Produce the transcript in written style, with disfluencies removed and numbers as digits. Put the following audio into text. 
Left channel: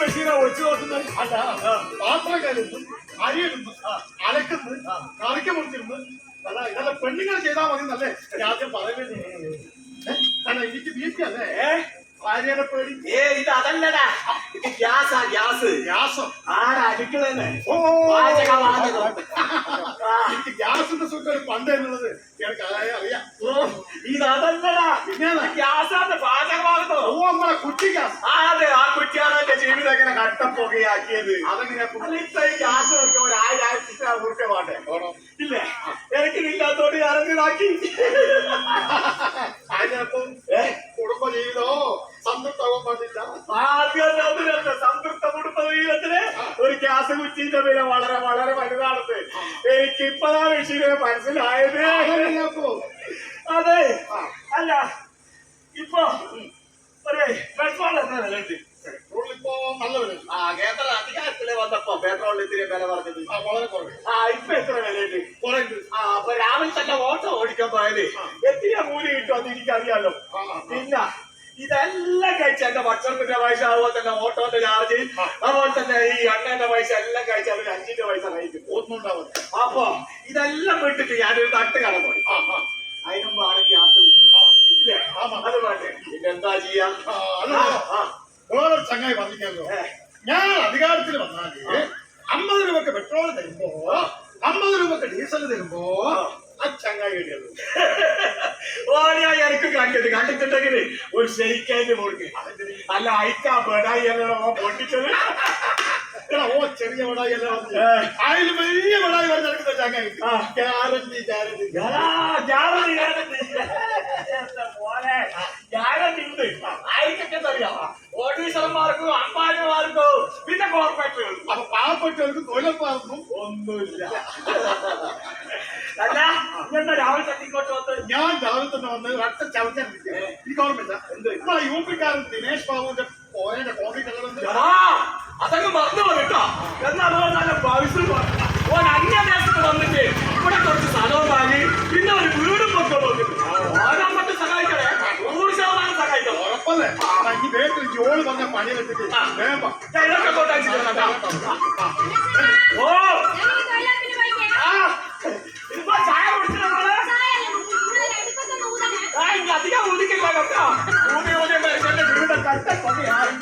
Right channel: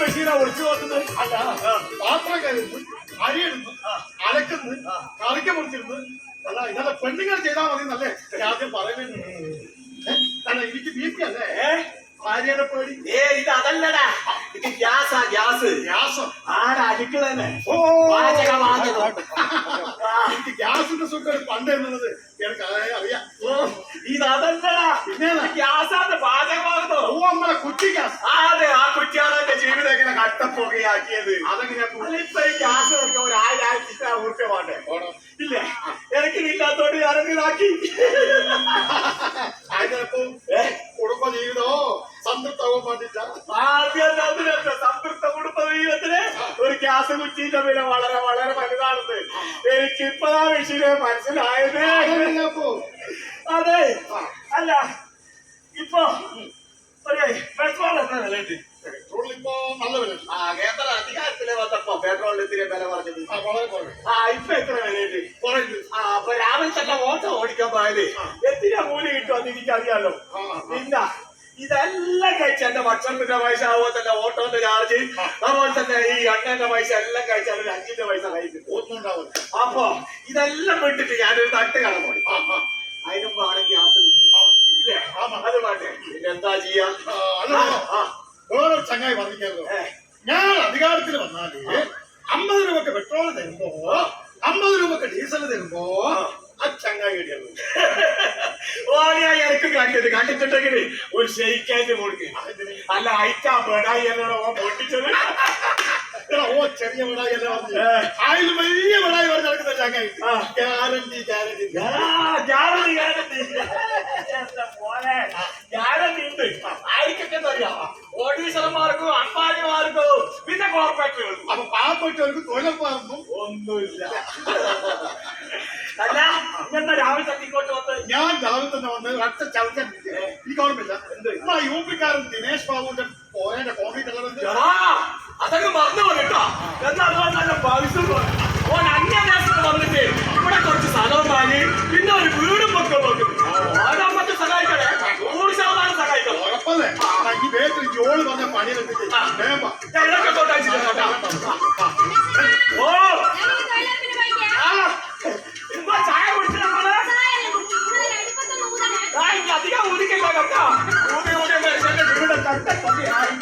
ബഷീറാ ഒളിച്ചു നോക്കുന്നത്? അല്ല, പാത്രം കരുന്ന്, അരിയിടുന്നു, അലക്കുന്നു, കറിക്ക് മുറിച്ചിരുന്നു. അല്ല, ഇതല്ല പെണ്ണുങ്ങൾ ചെയ്താൽ മതി എന്നല്ലേ ഞാൻ ആദ്യം പറയുന്നത്. അല്ല, എനിക്ക് ബി.പി അല്ലേ? ഭാര്യയുടെ പേടി. ഇത് അതല്ലടാ, ഇത് ഗ്യാസാ, ഗ്യാസ്. ഗ്യാസം ആരാ അടുക്കളന്നെ? ഓ, എനിക്ക് ഗ്യാസിന്റെ സുഖം പണ്ട് എന്നുള്ളത് എനിക്ക് അറിയാം. ഇത് അതല്ലടാ, പിന്നെ ഗ്യാസാണ് പാചകമാകുന്നത്. ഓ, നമ്മളെ കുറ്റി ഗ്യാസ്. അതെ, ആ കുറ്റിയാണ് എന്റെ ജീവിതം എങ്ങനെ കട്ടപ്പൊക്കെയാക്കിയത്. അതെങ്ങനെയാ? അല്ല, ഇപ്പൊ ഈ ഗ്യാസ് കൊടുക്കാൻ ഒരു 1000 ഉറുപ്പ്യ വേണ്ടേ? ഇല്ലേ, എനിക്കിതില്ലാത്തോണ്ട് ഞാനെന്തിനാക്കി. അതിനപ്പം കുടുംബ ജീവിതോ സംതൃപ്തമാവാൻ വേണ്ടിട്ടാ. ആദ്യം സംതൃപ്ത കുടുംബ ജീവിതത്തിന് ഒരു ഗ്യാസ് കുറ്റിന്റെ വില വളരെ വളരെ വലുതാണെന്ന് എനിക്കിപ്പഴാ വിഷയം മനസ്സിലായത്. അതെ, അല്ല ഇപ്പൊ ഒരു പെട്രോൾ എത്ര വില ഉണ്ട്? പെട്രോൾ ഇപ്പൊ നല്ല വില. കേന്ദ്ര അധികാരത്തില് വന്നപ്പോ പെട്രോളിന് ഇത്തിരി വില പറഞ്ഞത് വളരെ കുറവ്. ഇപ്പൊ എത്ര വിലയുണ്ട്? കുറയുണ്ട്. അപ്പൊ രാവിലെ തന്നെ ഓട്ടോ ഓടിക്കാൻ പോയാല് എത്തിയ കൂലി കിട്ടുമെന്ന് എനിക്കറിയാലോ. പിന്നെ ഇതെല്ലാം കഴിച്ച എന്റെ ഭക്ഷണത്തിന്റെ പൈസ, അതുപോലെ തന്നെ ഓട്ടോന്റെ ചാർജ്, അതുപോലെ തന്നെ ഈ എണ്ണന്റെ പൈസ എല്ലാം കഴിച്ചാൽ ഒരു 5ന്റെ പൈസ കഴിക്കും. ഒന്നും ഉണ്ടാവില്ല. അപ്പൊ ഇതെല്ലാം വിട്ടിട്ട് ഞാനൊരു തട്ട് കട പോയി. അതിനുമ്പ് ആണെങ്കിൽ ഗ്യാസ് കുറ്റി ഇല്ലേ? അത് വേണ്ടേ? പിന്നെന്താ ചെയ്യാ? വേറൊരു ചങ്ങായി പറഞ്ഞിരിക്കാമല്ലോ, ഞാൻ അധികാരത്തിൽ വന്നാല് 50 രൂപക്ക് പെട്രോൾ തരുമ്പോ 50 രൂപക്ക് ഡീസൽ തരുമ്പോ ആ ചങ്ങായി കിട്ടിയുള്ളൂ. എനിക്ക് കണ്ടിട്ടുണ്ടെങ്കിൽ ഒരു ഷെയ്ക്കാൻ്റെ കൊടുക്ക്. അല്ല, അയക്കാ പെടായി എന്നോ പൊട്ടിച്ചത്. ഓ, ചെറിയ വിടായി അല്ലേ അതിൽ വലിയ വിടായി പറഞ്ഞ് നടക്കുന്ന ചങ്ങായി. ഗ്യാരണ്ടി ഗ്യാരണ്ടി ഗ്യാരണ്ടി ഗ്യാരണ്ടി പോലെ ഗ്യാരണ്ടി ഉണ്ട്. ആയിരിക്കൊക്കെ അറിയാം, ഓഫീസർമാർക്കും അമ്പാരിമാർക്കും പിന്നെ കോർപ്പറേറ്റുകൾക്കും. അപ്പൊ പാവപ്പെട്ടവർക്ക് തൊഴിലുറപ്പാർക്കും ഒന്നുമില്ല. അല്ല, ഇങ്ങനത്തെ രാവിലെ തന്നെ ഇങ്ങോട്ട് വന്ന് ഞാൻ രാവിലെ തന്നെ വന്ന് ഒറ്റ ചവിട്ടാൻ എനിക്ക് ഓർമ്മയില്ല. നമ്മളെ യു.പി.കാരൻ ദിനേശ് ബാബുവിന്റെ പോരേന്റെ കോൺക്രീറ്റ് അതൊക്കെ മറന്നു കേട്ടോ. എന്നാൽ അതുപോലെ നല്ല ഭവിഷ്യത് ഓൻ അന്യദേശത്ത് വന്നിട്ട് ഇവിടെ കുറച്ച് സ്ഥലവും വാങ്ങി പിന്നെ ഒരു വീടും ഒക്കെ നോക്കുന്നു. ഓരോ സഹായിക്കണേ, 100% സഹായിക്കണം. ഉറപ്പല്ലേ? ഈ ബേക്കറി ജോള് പറഞ്ഞ പണിയെടുത്തിട്ട് ഓ ഇപ്പൊ ചായ കുടിച്ചു നമ്മള് അധികം ഊതിക്കില്ല കേട്ടോ. ഊതി മനുഷ്യന്റെ വീട് കട്ട പതിയായി.